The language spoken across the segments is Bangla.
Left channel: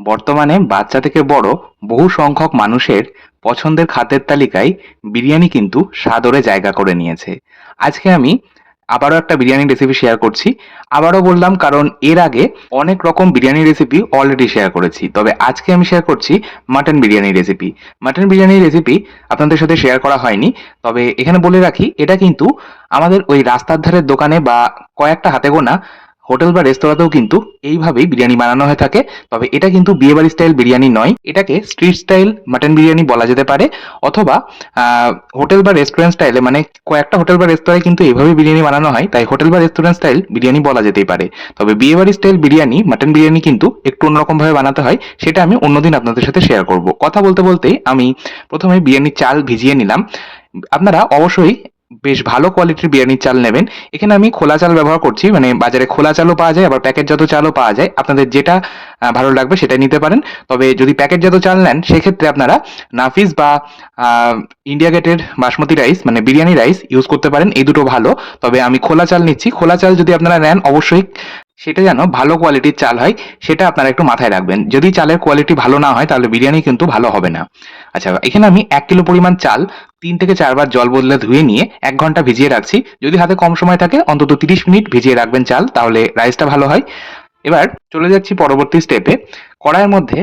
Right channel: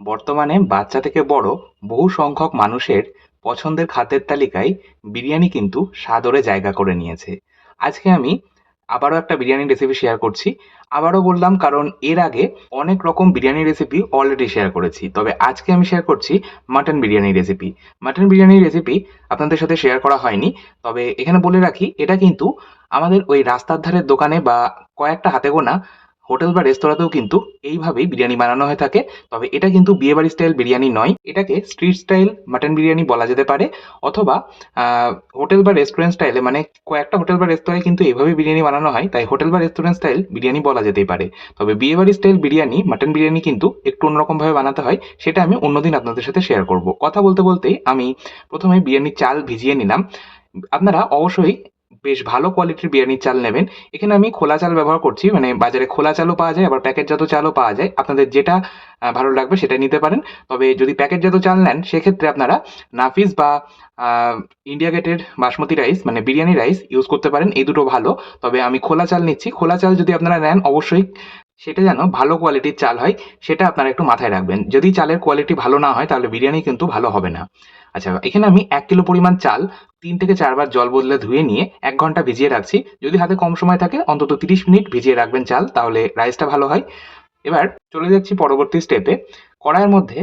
বর্তমানে বাচ্চা থেকে বড় বহু সংখ্যক মানুষের পছন্দের খাদ্যের তালিকায় বিরিয়ানি কিন্তু সাদরে জায়গা করে নিয়েছে। আজকে আমি আবারও একটা বিরিয়ানি রেসিপি শেয়ার করছি। আবারও বললাম, কারণ এর আগে অনেক রকম বিরিয়ানি রেসিপি অলরেডি শেয়ার করেছি। তবে আজকে আমি শেয়ার করছি mutton biryani recipe mutton biryani recipe আপনাদের সাথে শেয়ার করা হয়নি, তবে এখানে বলে রাখি, এটা কিন্তু আমাদের ওই রাস্তার ধারের দোকানে বা কয়েকটা হাতে গোনা হোটেল বা রেস্তোরাঁতেও কিন্তু এইভাবেই বিরিয়ানি বানানো হয়ে থাকে। তবে এটা কিন্তু বিয়ে বিয়েবাড়ি স্টাইল বিরিয়ানি নয়, এটাকে স্ট্রিট স্টাইল মাটন বিরিয়ানি বলা যেতে পারে। অথবা হোটেল বা রেস্টুরেন্ট স্টাইলে মানে কয়েকটা হোটেল বা রেস্তোরাঁয় কিন্তু এইভাবে বিরিয়ানি বানানো হয়, তাই হোটেল বা রেস্টুরেন্ট স্টাইল বিরিয়ানি বলা যেতেই পারে। তবে বিয়ে বিয়েবাড়ি স্টাইল বিরিয়ানি, মাটন বিরিয়ানি কিন্তু একটু অন্যরকম ভাবে বানাতে হয়, সেটা আমি অন্যদিন আপনাদের সাথে শেয়ার করব। কথা বলতে বলতেই আমি প্রথমে বিরিয়ানির চাল ভিজিয়ে নিলাম। আপনারা অবশ্যই বেশ ভালো কোয়ালিটির বিরিয়ানির চাল নেবেন। এখানে আমি খোলা চাল ব্যবহার করছি মানে বাজারে খোলা চালও পাওয়া যায়, আবার প্যাকেটজাত চালও পাওয়া যায়। আপনাদের যেটা ভালো লাগবে সেটা নিতে পারেন। তবে যদি প্যাকেটজাত চাল নেন, সেক্ষেত্রে আপনারা নাফিস বা ইন্ডিয়া গেটের বাসমতি রাইস মানে বিরিয়ানি রাইস ইউজ করতে পারেন। এই দুটো ভালো। তবে আমি খোলা চাল নিচ্ছি। খোলা চাল যদি আপনারা নেন, অবশ্যই সেটা যেন ভালো কোয়ালিটির চাল হয়, সেটা আপনারা একটু মাথায় রাখবেন। যদি চালের কোয়ালিটি ভালো না হয়, তাহলে বিরিয়ানি কিন্তু ভালো হবে না। আচ্ছা এখানে আমি এক কিলো পরিমাণ চাল তিন থেকে চারবার জল বদলে ধুয়ে নিয়ে এক ঘণ্টা ভিজিয়ে রাখছি। যদি হাতে কম সময় থাকে, অন্তত তিরিশ মিনিট ভিজিয়ে রাখবেন চাল, তাহলে রাইসটা ভালো হয়। এবার চলে যাচ্ছি পরবর্তী স্টেপে কড়াইয়ের মধ্যে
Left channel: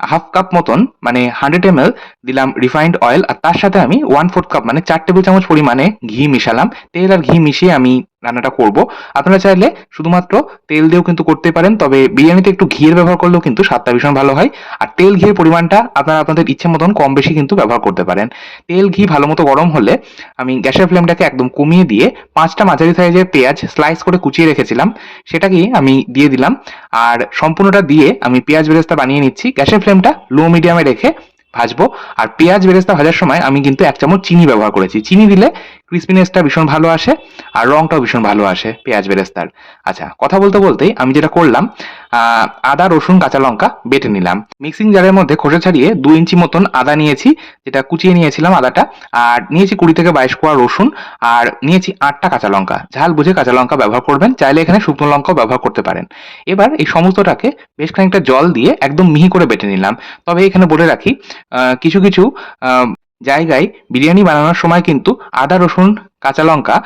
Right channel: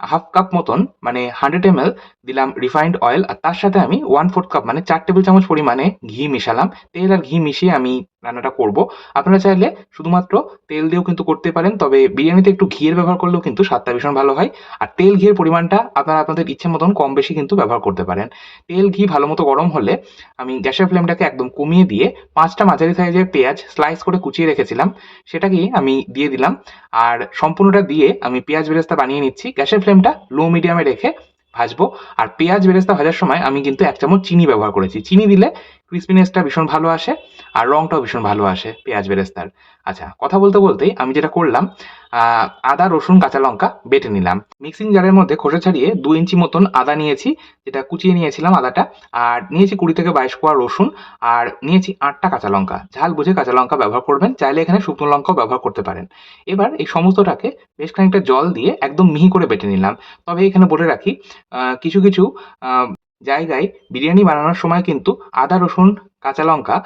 হাফ কাপ মতন মানে হান্ড্রেড এম দিলাম রিফাইন্ড অয়েল আর তার সাথে আমি ওয়ান ফোর্থ কাপ মানে চার টেবিল চামচ পরিমাণে ঘি মিশালাম। তেল আর ঘি মিশিয়ে আমি রান্নাটা করব। আপনারা চাইলে শুধুমাত্র তেল দিয়েও কিন্তু করতে পারেন, তবে বিরিয়ানিতে একটু ঘিয়ের ব্যবহার করলেও কিন্তু স্বাদটা ভীষণ ভালো হয়। আর তেল ঘিয়ের পরিমাণটা আপনারা আপনাদের ইচ্ছে মতন কম বেশি কিন্তু ব্যবহার করতে পারেন। তেল ঘি ভালো মতো গরম হলে আমি গ্যাসের ফ্লেমটাকে একদম কমিয়ে দিয়ে পাঁচটা মাঝারি সাইজের পেঁয়াজ স্লাইস করে কুচিয়ে রেখেছিলাম। সেটাকেই আমি দিয়ে দিলাম। আর সম্পূর্ণটা দিয়ে আমি পেঁয়াজ বেরেস্তা বানিয়ে নিচ্ছি। গ্যাসের ফ্লেমটা লো মিডিয়ামে রেখে ভাজবো। আর পেঁয়াজ বেরেস্তা ভাজার সময় আমি কিন্তু এক চামচ চিনি ব্যবহার করেছি। চিনি দিলে ক্রিসপিনেসটা ভীষণ ভালো আসে আর রংটাও ভীষণ ভালো আসে, পেঁয়াজ বেরেস্তার। আচ্ছা কথা বলতে বলতেই আমি যেটা করলাম আদা, রসুন, কাঁচা লঙ্কা বেটে নিলাম। মিক্সিং জারের মধ্যে খোসা ছাড়িয়ে দু ইঞ্চি মতন আদা নিয়েছি, যেটা কুচিয়ে নিয়েছিলাম আদাটা। আর নিয়েছি কুড়ি থেকে বাইশ কোয়া রসুন, আর নিয়েছি আটটা কাঁচা লঙ্কা। ঝাল বুঝে কাঁচা লঙ্কা ব্যবহার করবেন, চাইলে এখানে শুকনো লঙ্কাও ব্যবহার করতে পারেন। এবার এই সমস্তটাকে বেশ খানিকটা জল দিয়ে একদম মিহি করে বেটে নিলাম। তবে এখানে বলে রাখি কিছু কিছু জায়গায় বিরিয়ানি বানানোর সময় কিন্তু আদা, রসুন, কাঁচা লঙ্কা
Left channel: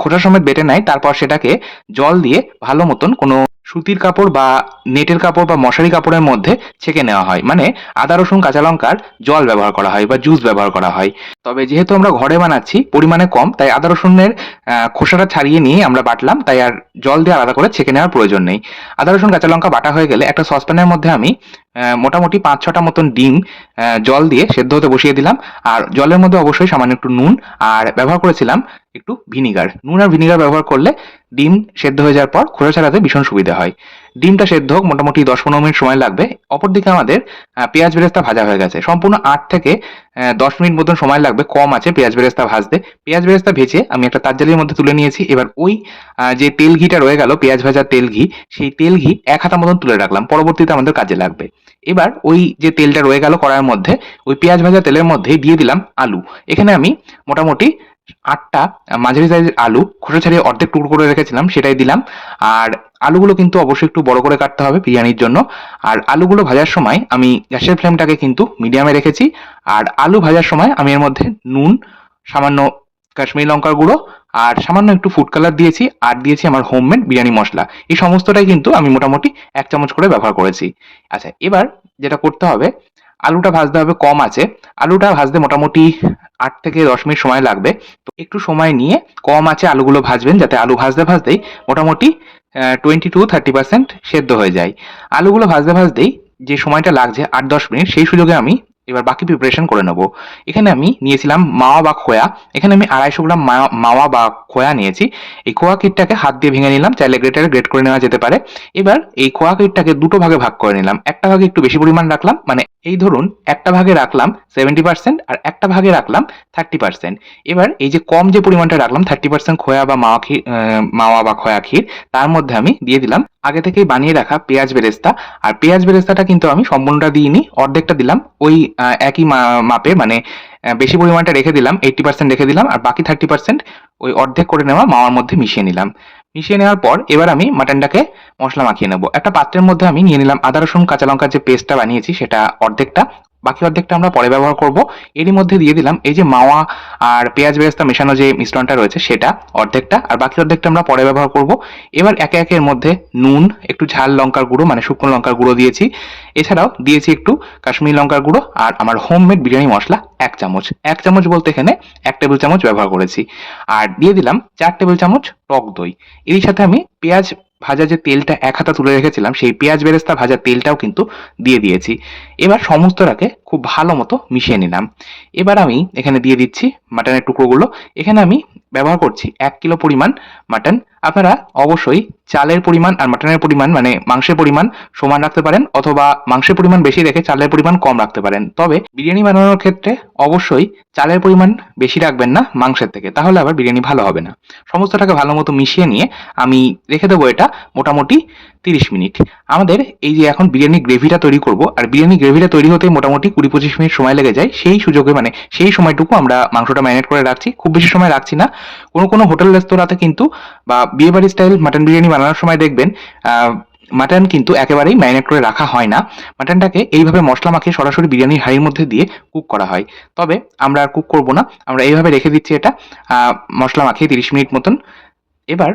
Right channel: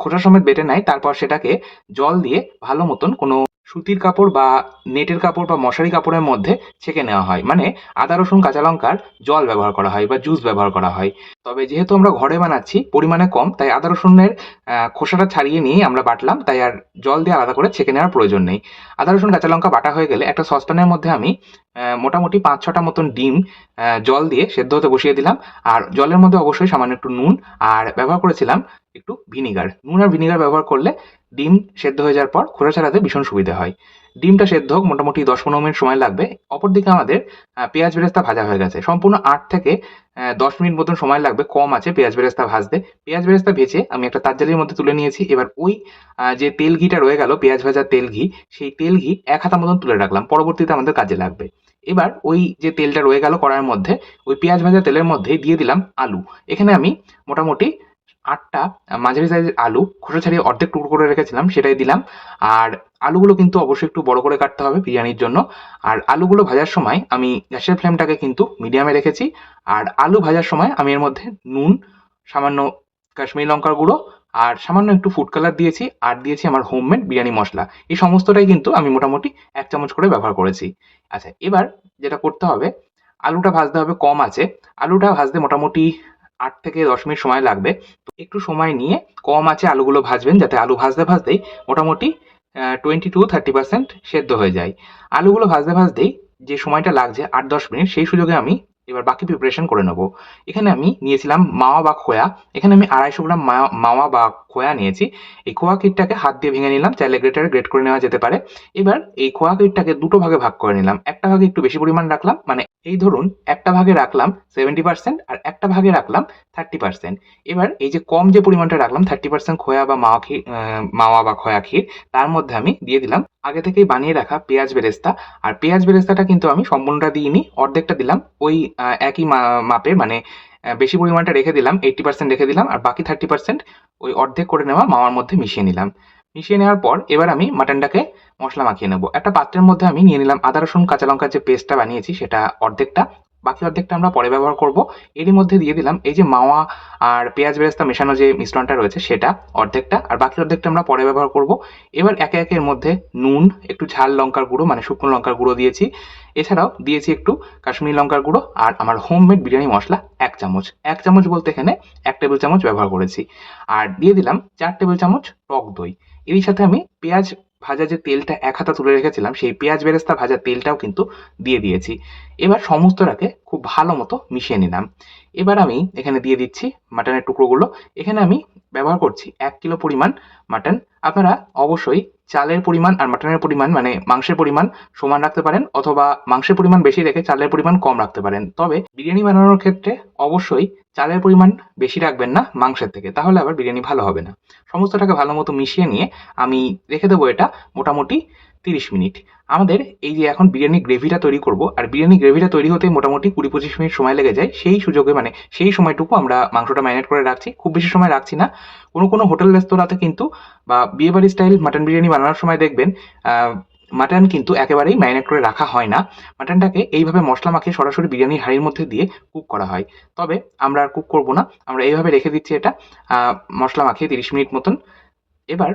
খোসা সমেত বেটে নেয়। তারপর সেটাকে জল দিয়ে ভালো মতন কোনো সুতির কাপড় বা নেটের কাপড় বা মশারি কাপড়ের মধ্যে ছেঁকে নেওয়া হয়। মানে আদা, রসুন, কাঁচা লঙ্কার জল ব্যবহার করা হয় বা জুস ব্যবহার করা হয়। তবে যেহেতু আমরা ঘরে বানাচ্ছি, পরিমাণে কম, তাই আদা, রসুনের খোসাটা ছাড়িয়ে নিয়ে আমরা বাটলাম। তাই আর জল দিয়ে আলাদা করে ছেঁকে নেওয়ার প্রয়োজন নেই। আদা, রসুন, কাঁচা লঙ্কা বাটা হয়ে গেলে একটা সসপ্যানের মধ্যে আমি মোটামুটি পাঁচ ছটা মতন ডিম জল দিয়ে সেদ্ধ হতে বসিয়ে দিলাম। আর জলের মধ্যে অবশ্যই সামান্য একটু নুন আর ব্যবহার করেছিলাম একটু ভিনিগার। নুন আর ভিনিগার ব্যবহার করলে ডিম সেদ্ধ হয়ে যাওয়ার পর খোসা ছাড়াতে ভীষণ সুবিধা হয়। ডিমটা সেদ্ধ মোটামুটি দশ পনেরো মিনিট সময় লাগবে। অপরদিকে আমাদের পেঁয়াজ বেরেস্তা ভাজা হয়ে গেছে। সম্পূর্ণ আট থেকে দশ মিনিট মতন সময় লাগবে, কম আছে পেঁয়াজ বেরেস্তা ভাজতে। পেঁয়াজ বেরেস্তা ভেজে আমি একটা তারজালির মধ্যে তুলে নিয়েছি। এবার ওই যে তেল ঘিটা রয়ে গেল, পেঁয়াজ ভাজার তেল ঘি, সেই তেল ঘি এক হাতা মতন তুলে রাখলাম। পরবর্তীতে আমাদের কাজে লাগবে। এবার ওই যে তেলটা রয়ে গেল কড়াইয়ের মধ্যে, ওই পেঁয়াজ ভাজা তেলের মধ্যে দিয়ে দিলাম আলু। এখানে আমি মোটামুটি আটটা মাঝারি সাইজের আলু খোসা ছাড়িয়ে অর্ধেক টুকরো করে রেখেছিলাম, সেটাই দিলাম। আর আলুগুলো কিন্তু অবশ্যই একটু বড় করে কাটতে হবে বিরিয়ানির জন্য। আর আলুগুলো ভাজার সময় আমি গ্যাসের ফ্লেমটাকে কিন্তু মিডিয়ামে রেখেছি। আর আলু ভাজার সময় আমি এর মধ্যে নুন, সামান্য কাশ্মীরি লঙ্কার গুঁড়ো আর সামান্য একটু ফুড কালার দিয়েছি। আর দিয়েছি আমার হোমমেড বিরিয়ানি মশলা। এই সমস্তটাই কিন্তু আমি মোটামুটি এক চামচ করে ব্যবহার করেছি। আচ্ছা এবার যেটা করতে হবে আলুটা ভাজতে হবে কম আছে। আলুটা ভাজতে মোটামুটি আট থেকে দশ মিনিট সময় লাগবে। তো একটু সময় নিয়ে কম আছে আলুগুলো ভাজবেন যাতে আলু ভাজতে ভাজতেই মোটামুটি টোয়েন্টি টু থার্টি পার্সেন্ট সেদ্ধ হয়ে যায়। আলুগুলো ভাজতে ভাজতেই যে সময়টা লাগছে, আট দশ মিনিট, সেই সুযোগে আমি এবার বাকি প্রিপারেশন করে নেব। এখানে আমি নিয়েছিলাম মাওয়া বা খোয়া। এখানে আমি আড়াইশো গ্রাম মাওয়া- বা খোয়া নিয়েছি। এই খোয়া কিটটাকে হাত দিয়ে ভেঙে নিলাম, চাইলে গ্রেটারে গ্রেট করে নেওয়া যেতে পারে। এবার এই খোয়া কিটটাকে দুটো ভাগে ভাগ করে নিলাম। একটা ভাগে একটু বেশি পরিমাণ রাখলাম মানে এই ধরুন একটা ভাগে রাখলাম সেভেন্টি পার্সেন্ট আর একটা ভাগে রাখলাম থার্টি পার্সেন্ট এবার এই যে কম যে পরিমাণটা রাখলাম থার্টি পার্সেন্ট খোয়া বা মাওয়া ক্ষীর মাওয়া বা খোয়া ক্ষীর, তার মধ্যে আমি দিয়ে দিলাম আগে থেকেই বানিয়ে রাখা পেঁয়াজ বেরেস্তা। আর পেঁয়াজ বেরেস্তাটা কিন্তু আমি সম্পূর্ণটা দিইনি, অর্ধেকটা দিলাম। ওই একই মাপে মানে বেশি পরিমাণটা রেখে দিলাম এইটটি পার্সেন্ট রেখে দিলাম, আর বাকি থার্টি পার্সেন্ট ওই অর্ধেক করে নেওয়া মাওয়ার মধ্যে মিশিয়ে নিলাম। মিশিয়ে নেওয়ার পর এবার আমি মাটনটাকে মশলা মাখিয়ে নেব। একটা পাত্রের মধ্যে আমি নিয়ে নিলাম আদা, রসুন, কাঁচা লঙ্কার যে পেস্টটা বানিয়েছি সেটা অর্ধেকটা। বাকি অর্ধেকটা আমরা পরে ব্যবহার করব। এরই মধ্যে দিয়ে দিলাম এই যে মাওয়া আর পেঁয়াজ বেরেস্তা মেশানো যে মিশ্রণটা রয়েছে সেটা অর্ধেকটা, আর বাকি অর্ধেকটা আমরা পরে ব্যবহার করব। এবার একে একে এর মধ্যে নুন, একটু ঝাল লঙ্কার গুঁড়ো মানে শুকনো লঙ্কার গুঁড়ো দিয়েছি। এছাড়াও দিয়েছি একটু কাশ্মীরি লঙ্কার গুঁড়ো আর আমার হোমমেড বিরিয়ানি মশলা এক চামচ। এক চামচ বলতে এখানে এক টেবিল চামচ ব্যবহার করেছি। আর দিয়ে দিলাম চার টেবিল চামচ টক দই। এর সাথে আমি পেঁয়াজ ভাজা যে তেলটা এক হাতা তুলে রেখেছিলাম, সেই পেঁয়াজ বেরেস্তা ভাজা তেলটাও কিন্তু দিয়ে দিয়েছি। এবার সমস্তটাকে খুব ভালো মতো মিশিয়ে নিলাম। এবার আমি এখানে দিয়ে দিচ্ছি মাটনের টুকরোগুলো। এখানে আমি ব্যবহার করছি এক কিলো পরিমাণ মাটন। আপনারা অবশ্যই চালের পরিমাণ আর মাটনের পরিমাণ মানে মাংসের পরিমাণ সমান রাখতে পারেন অথবা মাংসের পরিমাণ বেশি রেখে চালের পরিমাণ কম রাখতে পারেন। তবে বিরিয়ানি বানানোর ক্ষেত্রে অবশ্যই চালের পরিমাণ বেশি রাখবেন না মাংসের থেকে, তাহলে আবার বিরিয়ানি ভালো হবে না। সমস্তটাকে ভালো মতো মিশিয়ে নিয়ে আমি রেখে দেবো এটা মোটামুটি তিরিশ মিনিট। আমাদের এই যে এখন বিরিয়ানি গ্রেভিটা তৈরি করব, আর বিরিয়ানি গ্রেভিটা তৈরি হতে মোটামুটি কুড়ি পঁচিশ মিনিট সময় লেগে যায়, সেই সুযোগে মানে সেই সময়টুকু আমরা মাংসটা ম্যারিনেট করে রাখছি। খুব বেশি সময় রাখছি না। কোনো কোনো হোটেল, রেস্তোরাঁতে কিন্তু বা বিয়েবাড়ি স্টাইল মাটন বিরিয়ানি বানানোর সময় দেখবেন মাটন কিন্তু একেবারেই ম্যারিনেট করে রাখা হয় না। মাটনটাকে এইভাবে মশলা মাখিয়ে সরাসরি বিরিয়ানির হাঁড়ির মধ্যে দিয়ে কুক করা হয়। তবে আমরা আর কুক করব না, আমরা এইভাবে রেখে দিচ্ছি এটা মশলা মাখিয়ে তিরিশ মিনিট মতন। এবার,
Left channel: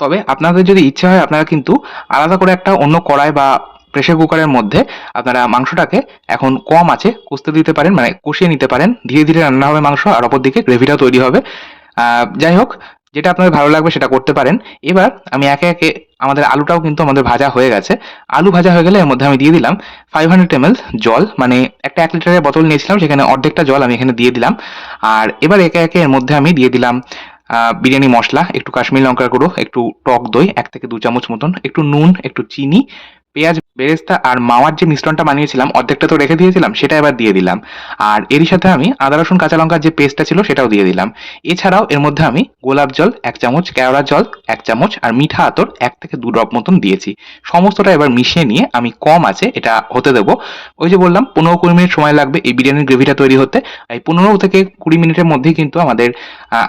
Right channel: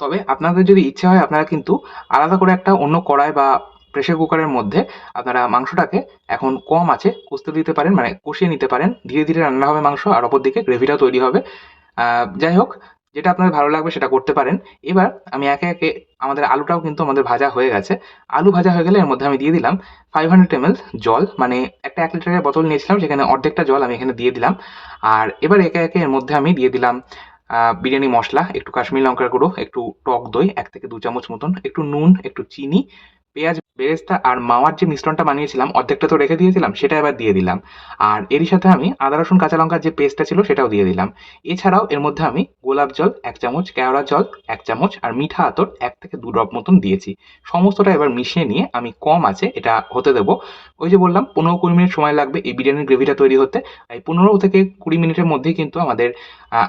তবে আপনাদের যদি ইচ্ছে হয়, আপনারা কিন্তু আলাদা করে একটা অন্য কড়াই বা প্রেসার কুকারের মধ্যে আপনারা মাংসটাকে এখন কম আছে কষতে দিতে পারেন মানে কষিয়ে নিতে পারেন। ধীরে ধীরে রান্না হবে মাংস, আর অপর দিকে গ্রেভিটাও তৈরি হবে। যাই হোক যেটা আপনার ভালো লাগবে সেটা করতে পারেন। এবার আমি একে একে আমাদের আলুটাও কিন্তু আমাদের ভাজা হয়ে গেছে। আলু ভাজা হয়ে গেলে এর মধ্যে আমি দিয়ে দিলাম ফাইভ হান্ড্রেড এম এল জল মানে একটা এক লিটারের বোতল নিয়েছিলাম সেখানে অর্ধেকটা জল আমি এখানে দিয়ে দিলাম। আর এবার একে একে এর মধ্যে আমি দিয়ে দিলাম বিরিয়ানি মশলা, একটু কাশ্মীরি লঙ্কার গুঁড়ো, একটু টক দই, এক থেকে দু চামচ মতন, একটু নুন, একটু চিনি পেঁয়াজ, বেরেস্তা আর মাওয়ার যে মিশ্রণটা বানিয়েছিলাম, অর্ধেকটা তো রেখে দিয়েছিলাম, সেটা এবার দিয়ে দিলাম। আর এরই সাথে আমি আদা, রসুন, কাঁচা লঙ্কার যে পেস্টটা ছিল, সেটাও দিয়ে দিলাম। এছাড়াও এর মধ্যে আমি গোলাপ জল, এক চামচ, কেওড়া জল, এক চামচ আর মিঠা আতর এক থেকে দু ড্রপ মতন দিয়েছি। সমস্তটা এবার মিশিয়ে নিয়ে আমি কম আছে, এটা হতে দেবো। ওই যে বললাম, পনেরো কুড়ি মিনিট সময় লাগবে এই বিরিয়ানির গ্রেভিটা তৈরি হতে। এই পনেরো থেকে কুড়ি মিনিটের মধ্যেই কিন্তু আমাদের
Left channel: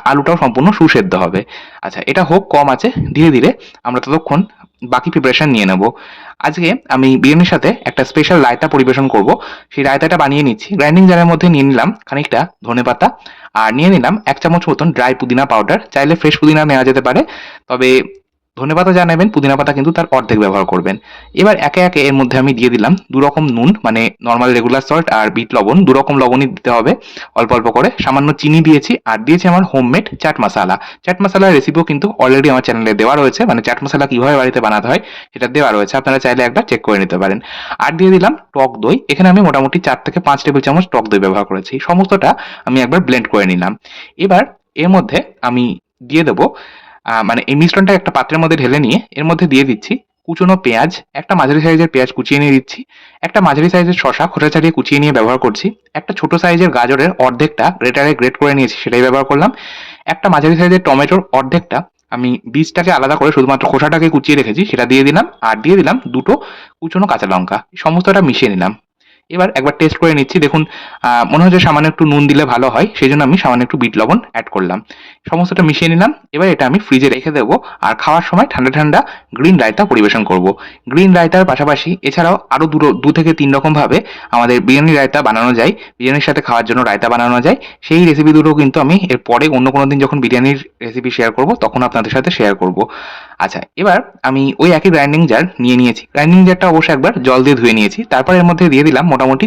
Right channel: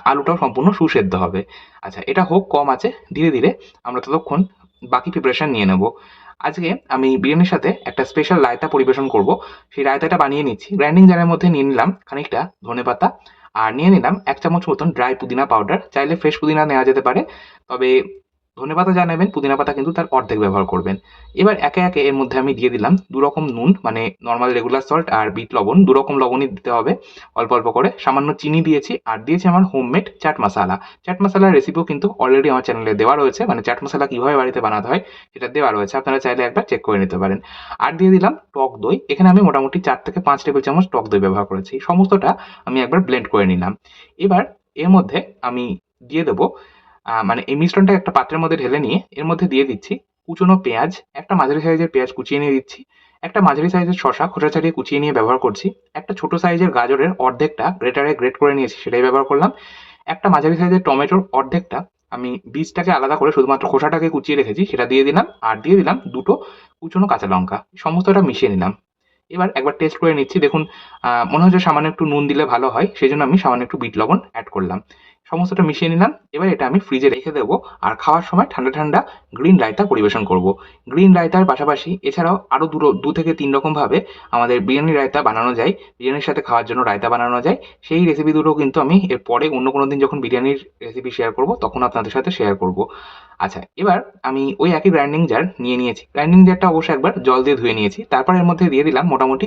আলুটাও সম্পূর্ণ সুসেদ্ধ হবে। আচ্ছা এটা হোক, কম আছে, ধীরে ধীরে আমরা ততক্ষণ বাকি প্রিপারেশন নিয়ে নেব। আজকে আমি বিরিয়ানির সাথে একটা স্পেশাল রায়তা পরিবেশন করব। সেই রায়তাটা বানিয়ে নিচ্ছি। গ্রাইন্ডিং জারের মধ্যে নিয়ে নিলাম খানিকটা ধনে পাতা। আর নিয়ে নিলাম এক চামচ মতন ড্রাই পুদিনা পাউডার চাইলে ফ্রেশ পুদিনা নেওয়া যেতে পারে। তবে ধনেপাতা যা নেবেন পুদিনা পাতা কিন্তু তার অর্ধেক ব্যবহার করবেন। এবার একে একে এর মধ্যে আমি দিয়ে দিলাম দু রকম নুন মানে নর্মাল রেগুলার সল্ট আর বিট লবণ। দু রকম লবণই দিতে হবে, অল্প অল্প করে। সামান্য চিনি দিয়েছি আর দিয়েছি আমার হোমমেড চাট মশলা। চাট মশালার রেসিপিও কিন্তু অলরেডি আমার চ্যানেলে দেওয়া রয়েছে মানে চাট মশলা কীভাবে বাড়িতে বানাতে হয় সেটা দেওয়া রয়েছে। আপনারা চাইলে একবার চেক করে নিতে পারেন। আর দিয়ে দিলাম টক দই। এখানে আমি মোটামুটি চার থেকে পাঁচ টেবিল চামচ টক দই ব্যবহার করেছি। সমস্তটা আমি একবার ব্লেন্ড করে নিলাম। এবার এর মধ্যে আমি দিয়ে দেবো মানে এই মিশ্রণটা একটা পাত্রের মধ্যে ঢেলে নিয়ে এর মধ্যে দিয়ে দিচ্ছি কুচনো পেঁয়াজ, একটা মাঝারি সাইজের পেঁয়াজ কুচিয়ে নিয়ে দিচ্ছি, একটা মাঝারি সাইজের শশা খোসা ছাড়িয়ে কুচিয়ে নিয়ে ব্যবহার করছি, একটা ছোট সাইজের গাজরের অর্ধেকটা গ্রেটারে গ্রেট করে নিয়েছি সেটাই ব্যবহার করলাম, একটা মাঝারি সাইজের টমেটোর অর্ধেকটা আমি বীজটাকে আলাদা করে শুধুমাত্র খোসাটাকে কুচিয়ে রেখেছি সেটা দিয়ে দিলাম, আর দিয়ে দিলাম দুটো কুচনো কাঁচা লঙ্কা সমস্তটা মিশিয়ে নিলাম। এবার একবার টেস্ট করে নিচ্ছি। দেখুন মনে হচ্ছে সামান্য একটু নুন দিলে ভালো হয় সেই জন্য আমি সামান্য একটু বিট লবণ অ্যাড করলাম। সমস্তটা মিশিয়ে নিলাম। এবার এটা আমি ফ্রিজে রেখে দেবো আর খাওয়ার সময় ঠান্ডা ঠান্ডা গ্রিন রায়তা পরিবেশন করব। গ্রিন রায়তার পাশাপাশি এছাড়াও আরও দু দু থেকে তিন রকমভাবে আমাদের বিরিয়ানি রায়তা বানানো যায়। বিরিয়ানির সাথে খাওয়ার জন্য রায়তা বানানো যায়। সেই রেসিপি দুটো কিন্তু আমি এর পরে অন্য কোনো দিন যখন বিরিয়ানির রেসিপি শেয়ার করব, তখন আপনাদের সাথে শেয়ার করব। আচ্ছা এবার আমি ওই একই গ্রাইন্ডিং জার নিয়ে নিয়েছি। গ্রাইন্ডিং জারটা অবশ্যই একবার জল দিয়ে ধুয়ে নিয়েছি। তারপর এর মধ্যে দিয়ে দিলাম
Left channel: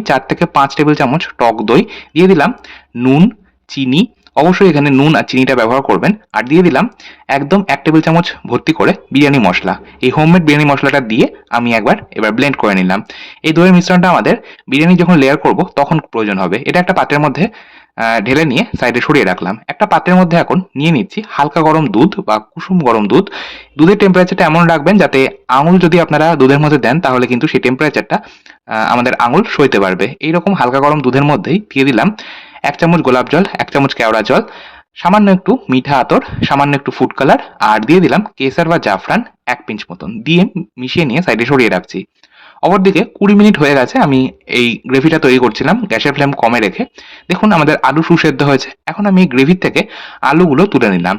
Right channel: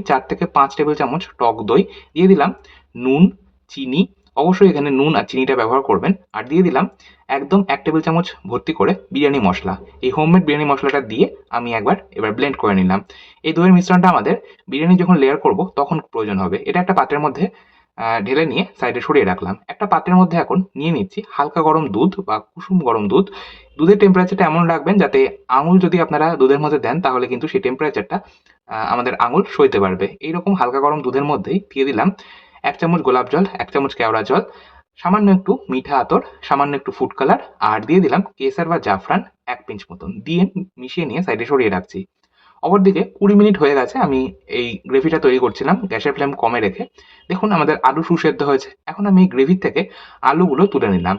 চার থেকে পাঁচ টেবিল চামচ টক দই। দিয়ে দিলাম নুন, চিনি। অবশ্যই এখানে নুন আর চিনিটা ব্যবহার করবেন। আর দিয়ে দিলাম একদম এক টেবিল চামচ ভর্তি করে বিরিয়ানি মশলা। এই হোমমেড বিরিয়ানি মশলাটা দিয়ে আমি একবার এবার ব্লেন্ড করে নিলাম। এই দইয়ের মিশ্রণটা আমাদের বিরিয়ানি যখন লেয়ার করব, তখন প্রয়োজন হবে। এটা একটা পাত্রের মধ্যে ঢেলে নিয়ে সাইডে সরিয়ে রাখলাম। একটা পাত্রের মধ্যে এখন নিয়ে নিচ্ছি হালকা গরম দুধ বা কুসুম গরম দুধ। দুধের টেম্পারেচারটা এমন রাখবেন যাতে আঙুল যদি আপনারা দুধের মধ্যে দেন, তাহলে কিন্তু সেই টেম্পারেচারটা আমাদের আঙুল সইতে পারবে। এইরকম হালকা গরম দুধের মধ্যেই দিয়ে দিলাম এক চামচ গোলাপ জল, এক চামচ কেওড়া জল, সামান্য একটু মিঠা আতর, সামান্য একটু ফুড কালার আর দিয়ে দিলাম কেসার বা জাফরান এক পিঞ্চ মতন। দিয়ে মিশিয়ে নিয়ে সাইডে সরিয়ে রাখছি। অপরদিকে কুড়ি মিনিট হয়ে গেছে, আমি এই গ্রেভিটা তৈরি করছিলাম, গ্যাসের ফ্লেম কমে রেখে। দেখুন, আমাদের আলু সুসেদ্ধ হয়েছে। এখন আমি এই গ্রেভির থেকে আলুগুলো তুলে নিলাম।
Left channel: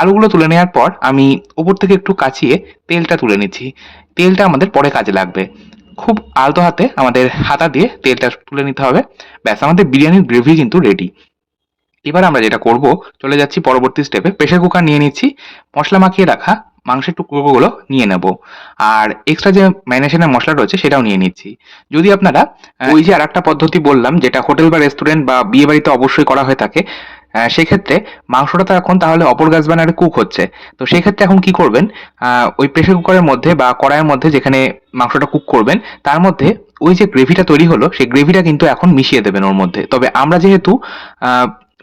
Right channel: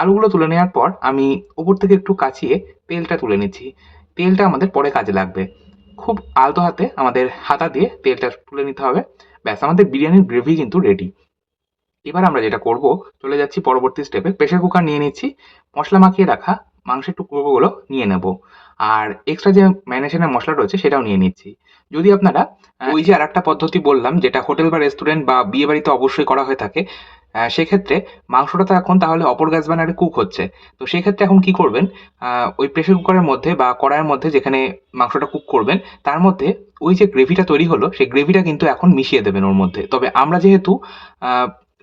আলুগুলো তুলে নেওয়ার পর আমি উপর থেকে একটু কাচিয়ে তেলটা তুলে নিচ্ছি। তেলটা আমাদের পরে কাজে লাগবে। খুব আলতো হাতে আমাদের হাতা দিয়ে তেলটা তুলে নিতে হবে। ব্যাস, আমাদের বিরিয়ানির গ্রেভি কিন্তু রেডি এবার আমরা যেটা করব, চলে যাচ্ছি পরবর্তী স্টেপে প্রেশার কুকার নিয়ে নিচ্ছি, মশলা মাখিয়ে রাখা মাংসের টুকরোগুলো নিয়ে নেব। আর এক্সট্রা যে ম্যারিনেশনের মশলা রয়েছে সেটাও নিয়ে নিচ্ছি। যদি আপনারা ওই যে আর একটা পদ্ধতি বললাম, যেটা হোটেল বা রেস্টুরেন্ট বা বিয়ে বাড়িতে অবশ্যই করা হয়ে থাকে সেক্ষেত্রে মাংসটা তো এখন তাহলে অপর গ্যাস বানারে কুক হচ্ছে। তো সেই ক্ষেত্রে এখন কি করবেন ওই প্রেশার কুকারের মধ্যে বা কড়াইয়ের মধ্যে যেখানে মাংসটা কুক করবেন, তার মধ্যে ওই যে গ্রেভিটা তৈরি হলো, সেই গ্রেভিটা কিন্তু এখন মিশিয়ে দেবেন ওর মধ্যে। তবে আমরা যেহেতু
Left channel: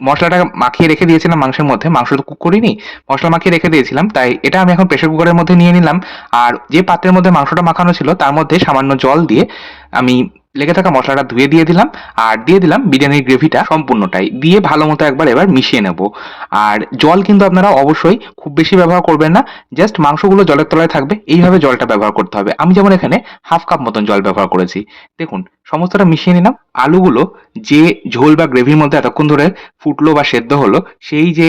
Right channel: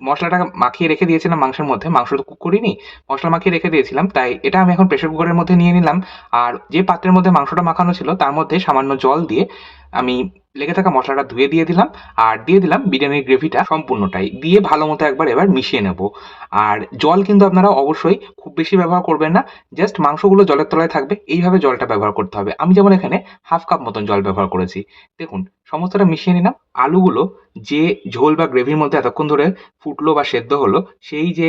মশলাটা মাখিয়ে রেখে দিয়েছিলাম মাংসের মধ্যে, মাংস তো কুক করিনি, মশলা মাখিয়ে রেখে দিয়েছিলাম, তাই এটা আমি এখন প্রেশার কুকারের মধ্যে নিয়ে নিলাম। আর যে পাত্রের মধ্যে মাংসটা মাখানো ছিল, তার মধ্যে সামান্য জল দিয়ে আমি লেগে থাকা মশলাটা ধুয়ে দিয়ে দিলাম, আর দিয়ে দিলাম বিরিয়ানির গ্রেভিটা সম্পূর্ণটাই। দিয়ে ভালো মতো একবার এবার মিশিয়ে নেব। আর জল কিন্তু আপনারা অবশ্যই খুব বেশি ব্যবহার করবেন না জাস্ট মাংসগুলো জলের তলায় থাকবে, এইভাবে জলটা ব্যবহার করতে হবে। আমি যেমন এখানে হাফ কাপ মতন জল ব্যবহার করেছি। দেখুন, সমস্তটা মিশিয়ে নিলাম। আলুগুলো যে ঝোল বা গ্রেভির মধ্যে এতক্ষণ ধরে ফুটলো বা সেদ্ধ হলো, সেই যে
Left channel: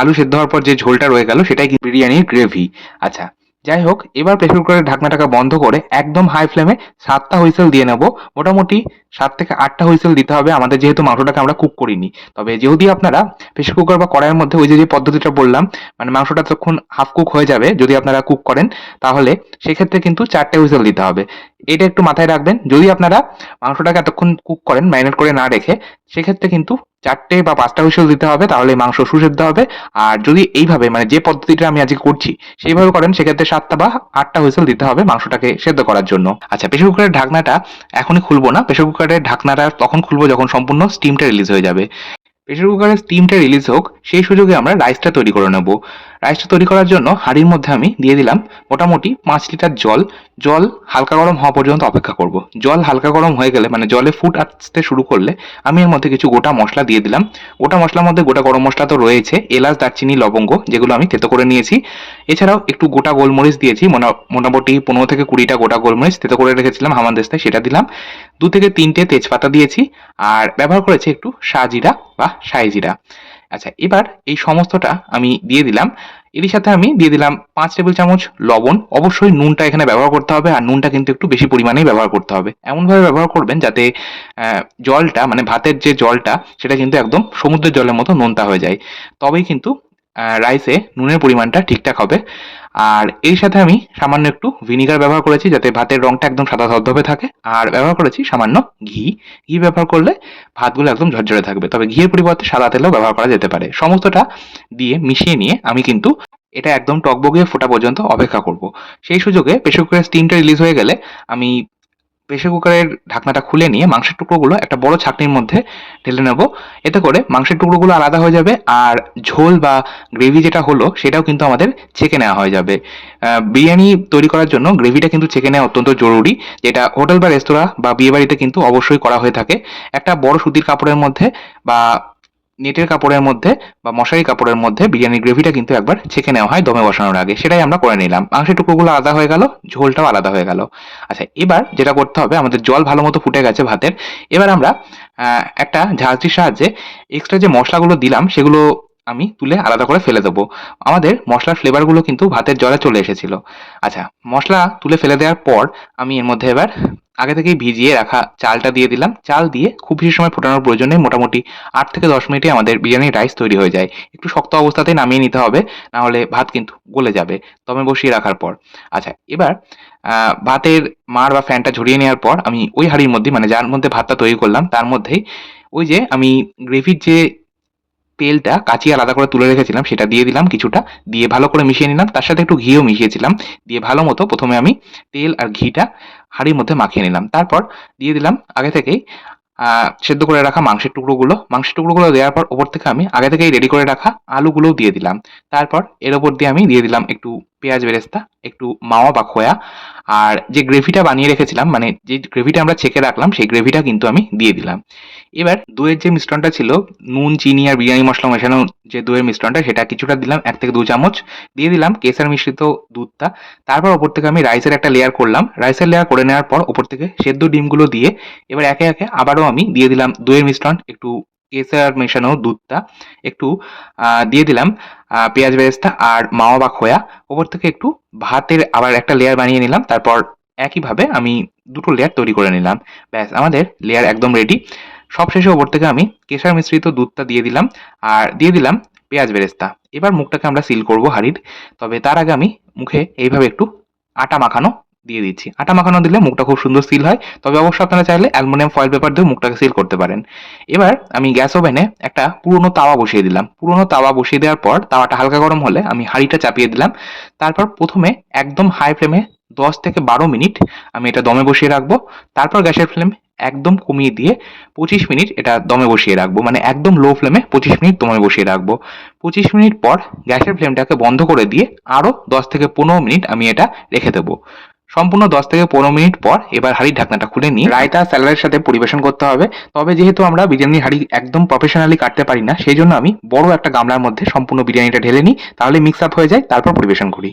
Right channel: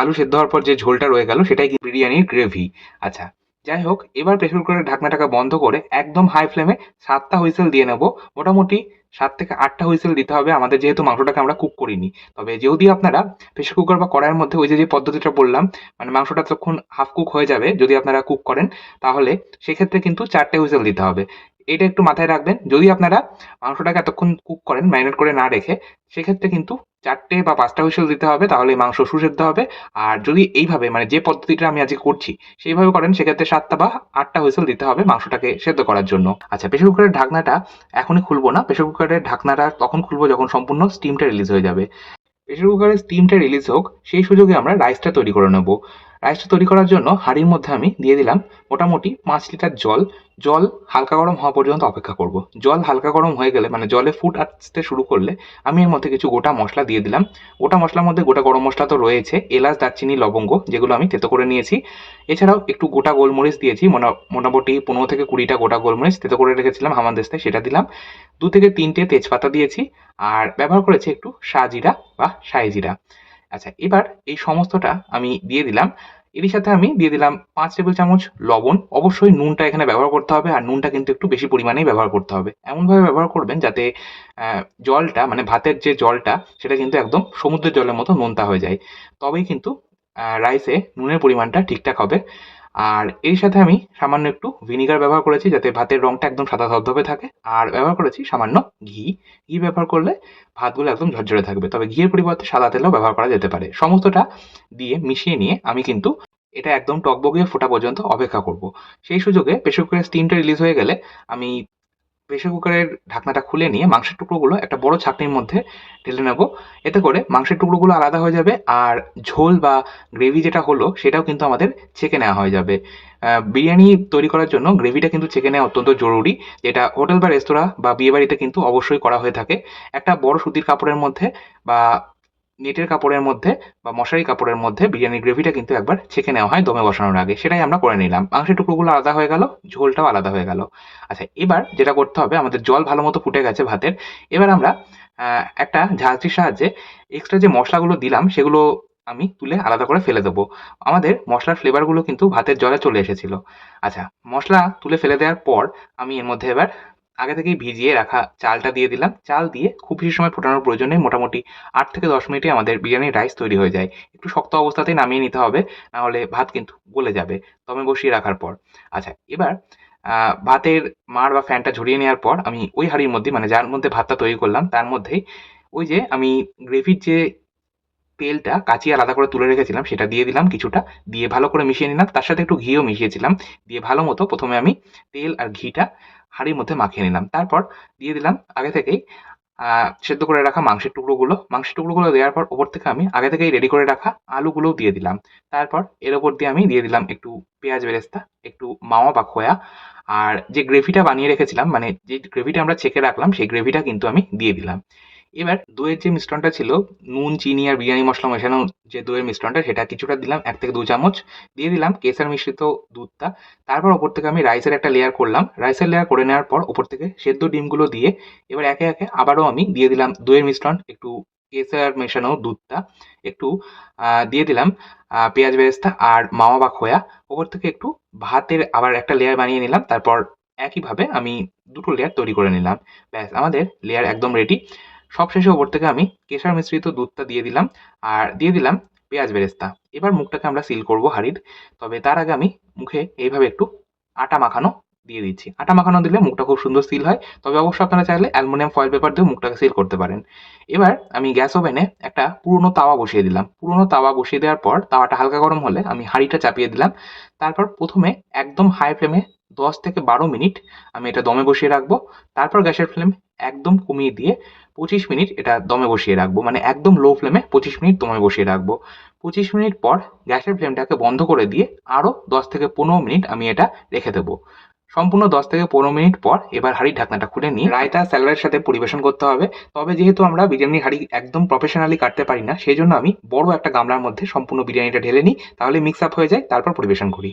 আলু সেদ্ধ হওয়ার পর যে ঝোলটা রয়ে গেল, সেটাই বিরিয়ানির গ্রেভি। আচ্ছা যাই হোক এবার প্রেসার কুকারের ঢাকনাটাকে বন্ধ করে একদম হাই ফ্লেমে সাতটা হুইসেল দিয়ে নেব। মোটামুটি সাত থেকে আটটা হুইসেল দিতে হবে। আমাদের যেহেতু মাংসটাকে আমরা কুক করিনি। তবে যদি আপনারা প্রেসার কুকার বা কড়াইয়ের মধ্যে ওই যে যে পদ্ধতিটা বললাম মানে মাংসটা যখন হাফ কুক হয়ে যাবে, যদি আপনারা কুক করেন, তাহলে সেক্ষেত্রে কিন্তু চারটে হুইসেল দিতে হবে। এটা একটু মাথায় রাখবেন, যদি আপনারা মাংসটাকে এতক্ষণ কুক করেন ম্যারিনেট করে না রেখে, সেক্ষেত্রে কিন্তু চারটে বা পাঁচটা হুইসেল দিতে হবে, তাহলে মাংস সুসেদ্ধ হবে। আর যদি এইভাবে মানে যে পদ্ধতিটা আমি আজকে করছি, সেইভাবে করেন, সেক্ষেত্রে সাতটা বা আটটা হুইসেল দিতে হবে মাংসটাকে সেদ্ধ করার জন্য। আচ্ছা প্রেশার কুকারের ঢাকনাটা এখনই খুলবো না। প্রেশার কুকারের ঢাকনাটা তখন খুলবো যখন সম্পূর্ণ স্টিমটা রিলিজ হয়ে যাবে। প্রেশার কুকারের স্টিমটা রিলিজ হোক, সেই সুযোগে আমরা রাইসটা তৈরি করে নেব। রাইসটা তৈরি করার জন্য হাঁড়ির মধ্যে আমি দিয়ে দিলাম মোটামুটি পাঁচ লিটার জল। জল হালকা গরম হওয়া পর্যন্ত অপেক্ষা করব। জল হালকা গরম হয়ে গেলে মানে জলে ফুট আসতে শুরু করলে আমি এর মধ্যে কিছু গোটা মশলা দিয়ে দিলাম। গোটা মশলার মধ্যে গোটা গরম মশলা তো রয়েছে, এলাচ, দারচিনি, লবঙ্গ যেগুলো আমি তেতো করে নিয়েছি। এছাড়াও একটু গোটা গোলমরিচ দিয়েছি মোটা- মোটামুটি পনেরো থেকে কুড়িটা গোটা গোলমরিচ তেতো করে রেখেছিলাম হামানদেস্তায় সেটা দিলাম। দু থেকে তিনটে তেজপাতা দিয়েছি, আর ব্যবহার করেছি একটু শাহজিরা বা সাইজিরা আচ্ছা এবার এই সমস্তটা আমি দিয়ে দিলাম। এরই সাথে আমি দিয়ে দিলাম পাঁচ টেবিল চামচ লবণ। অবশ্যই নুনটা এখানে ব্যবহার করতে হবে আর নুনটা কিন্তু একটু বেশি পরিমাণেই ব্যবহার করতে হবে। এমনভাবে ব্যবহার করবেন যাতে জলটা মানে ভাতের যে জলটা, সেটা কিন্তু একদম সমুদ্রের জলের মতো নোনতা হয়ে যায়। তবেই কিন্তু রাইসে নুনের পরিমাণটা ঠিকঠাক হবে। আর এর সাথে আমি সামান্য একটু ভিনিগার ব্যবহার করেছি যাতে ভাতের রংটা একদম সাদা ধবধবে থাকে। আর ব্যবহার করেছি সামান্য ঘি। ঘি ব্যবহার করলে ভাতগুলো একদম ঝরঝরে থাকবে। তবে ঘিয়ের পরিবর্তে সাদা তেলও ব্যবহার করা যেতে পারে। সমস্তটা দিয়ে মিশিয়ে নিয়ে আমি কিন্তু এটা একদম টকবগিয়ে ফোটা পর্যন্ত অপেক্ষা করব। সেই সুযোগে প্রেশার কুকারের স্টিমটা রিলিজ হয়ে গেলে আমি প্রেশার কুকারের ঢাকনাটা খুলে নিয়ে মাংসের টুকরোগুলো একটা বড় ছাঁকনির মধ্যে ঢেলে নেব। এতে করে মাংসের টুকরোগুলো আলাদা হয়ে যাবে আর ঝোল বা গ্রেভি যেটা হলো সেটাও কিন্তু আমাদের ছেঁকে নেওয়া হয়ে যাবে। বিরিয়ানি তৈরি করার জন্য গ্রেভিটা কিন্তু ছেঁকে নেওয়া অত্যন্ত জরুরি, যেটা হোটেল বা রেস্তোরাঁ বা বিয়েবাড়িতে কিন্তু অবশ্যই করা হয়ে থাকে। একটা বড় সুতির কাপড়ের মধ্যে বা নেটের কাপড়ের মধ্যে বা মশারি কাপড়ের মধ্যে বিরিয়ানির গ্রেভিটা কিন্তু একবার ছেঁকে নেওয়া হয় দমে বসানোর আগে। সেটাই আমরা করে নিলাম। মাংসের টুকরোগুলো আলাদা হয়ে গেল, ঝোলটাও আলাদা হয়ে গেল। আচ্ছা এবার যেটা করতে হবে, আমাদের জল ভালো মতো ফুটে গেছে ভাতের। এবার আমরা একটা ঝাঁঝরির সাহায্যে এক্সট্রা যে মশলাগুলো দিলাম, সেগুলো আমি তুলে আলাদা করে ফেলে দেবো। আমাদের মশলার ফ্লেভারগুলো কিন্তু ভাতের জলে চলে এসেছিল। আচ্ছা মশলা তুলে ফেলে দেওয়ার পর আমি এর মধ্যে এবার আগে থেকেই ভিজিয়ে রাখা চালটা দিয়ে দিলাম। চাল দিয়ে খুব বেশি সময় ফোটানোর প্রয়োজন মোটামুটি আট থেকে দশ মিনিটে আমাদের বিরিয়ানির রাইস তৈরি হয়ে যায়। একটু শক্ত অবস্থাতেই নামিয়ে নিতে হবে, না হলে ভাত কিন্তু গলে যাবে দমে বসিয়ে রাখার পর। আচ্ছা এবার ভাতের মার বা ফ্যানটা ঝরিয়ে নেওয়ার পর আমি ওই হাঁড়ির মধ্যে মানে যার মধ্যে ভাতটা তৈরি করলাম, তার মধ্যেই ওই যে আমি গ্রেভির যে তেলটা কাচিয়ে আলাদা করে তুলে রেখেছিলাম, সেটা দিয়ে দিলাম কিছুটা, দিয়ে ভালো করে মিশিয়ে নিলাম, তার সাথে একটু ঘিও মিশিয়েছিলাম, দিয়ে ভালো মতো প্রথমে আমি তেল আর ঘিটা হাঁড়ির মধ্যে মাখিয়ে নিলাম, তারপর দিয়ে দিলাম আগে থেকেই সেদ্ধ করে রাখা মাংসের টুকরোগুলো মাংসের টুকরোগুলো দেওয়ার পর ওপর থেকে আমি আগে থেকেই রেডি করে রাখা আলুগুলোও দিয়ে দিলাম, তারপর এর ওপর দিয়ে আমি দিয়ে দিলাম একটু পেঁয়াজ বেরেস্তা, একটু মাওয়া বা খোয়া আর যে গ্রেভিটা বানিয়ে রেখেছিলাম মানে যে গ্রেভিটা আমরা ছেঁকে রাখলাম, সেই গ্রেভিটা কিন্তু আমি দিয়ে দিলাম। এবার দইয়ের যে মিশ্রণটা ছিল, নুন, চিনি আর বিরিয়ানি মশলা মেশানো যে দইয়ের মিশ্রণটা, সেটা কিছুটা দিলাম, এক থেকে দু চামচ। দিয়ে দিলাম কেসার মিশ্রিত দুধটা। তারপর ওপর থেকে আমি রাইসের একটা লেয়ার করলাম। রাইসের লেয়ার করে নেওয়ার পর ওপর থেকে সেদ্ধ ডিমগুলো দিয়ে এবার একে একে আবারও আমি দিয়ে দিলাম দইয়ের মিশ্রণ। একটু কেশর মেশানো দুধটা একটু দিয়ে দিলাম পেঁয়াজ বেরেস্তা আর মাওয়া বা খোয়া ওপর থেকে একটু ভাতের আবার একটা লেয়ার বানিয়ে নিলাম, তারপর একইভাবে আমি দুটো লেয়ার তৈরি করে নিলাম। ব্যাস, আমাদের লেয়ার একদম রেডি সবশেষে ওপর থেকে আমি কেশর মিশ্রিত দুধটা দিয়ে দিলাম, আর দিয়ে দিলাম পেঁয়াজ বেরেস্তা। এবার মুখটাকে আমরা সিল করব হাঁড়ির। তবে তার আগে আমি মুখে এইভাবে একটু আটা মাখানো দিয়ে দিচ্ছি। আটা মাখানো দিলে মুখটা খুব সুন্দর সিল হয়। তবে অবশ্যই আপনারা চাইলে অ্যালুমিনিয়াম ফয়েল পেপার দিয়ে মুখটাকে সিল করতে পারেন। এবার আমি গ্যাস ওভেনে একটা পুরনো তাওয়া বসিয়ে দিলাম। পুরনো তাওয়া বসিয়ে দেওয়ার পর তাওয়াটা হালকা গরম হলে আমি হাঁড়িটা চাপিয়ে দিলাম। তারপর প্রথমে একদম হাই ফ্লেমে দশ থেকে বারো মিনিট আমি এটা দমে বসিয়ে রাখব। তারপর গ্যাসের ফ্লেম একদম কমিয়ে দিয়ে পঁচিশ মিনিট এটা দমে বসিয়ে রাখব। মানে একদম লো ফ্লেমে পঁচিশ মিনিট দমে বসিয়ে রাখব। পঁচিশ মিনিট পর গ্যাসের ফ্লেমটাকে বন্ধ করে দিয়ে আরও দশ থেকে পনেরো মিনিট আমি এটা রেখে দেবো। সম্পূর্ণ দশ থেকে পনেরো মিনিট পর এবার হাঁড়ির ঢাকনাটা খুলে নিই রায়তা স্যালাডের সাথে পরিবেশন করতে হবে। তবে যেহেতু আমরা বিরিয়ানির হাড়ি একদম প্রফেশনালি কাটতে পারি না, সেই জন্য আমি বড় একটা গামলার মধ্যে সম্পূর্ণ বিরিয়ানিটা ঢেলে নিই, তাহলে মিক্স আপ হয়ে যায়, তারপর পরিবেশন করি।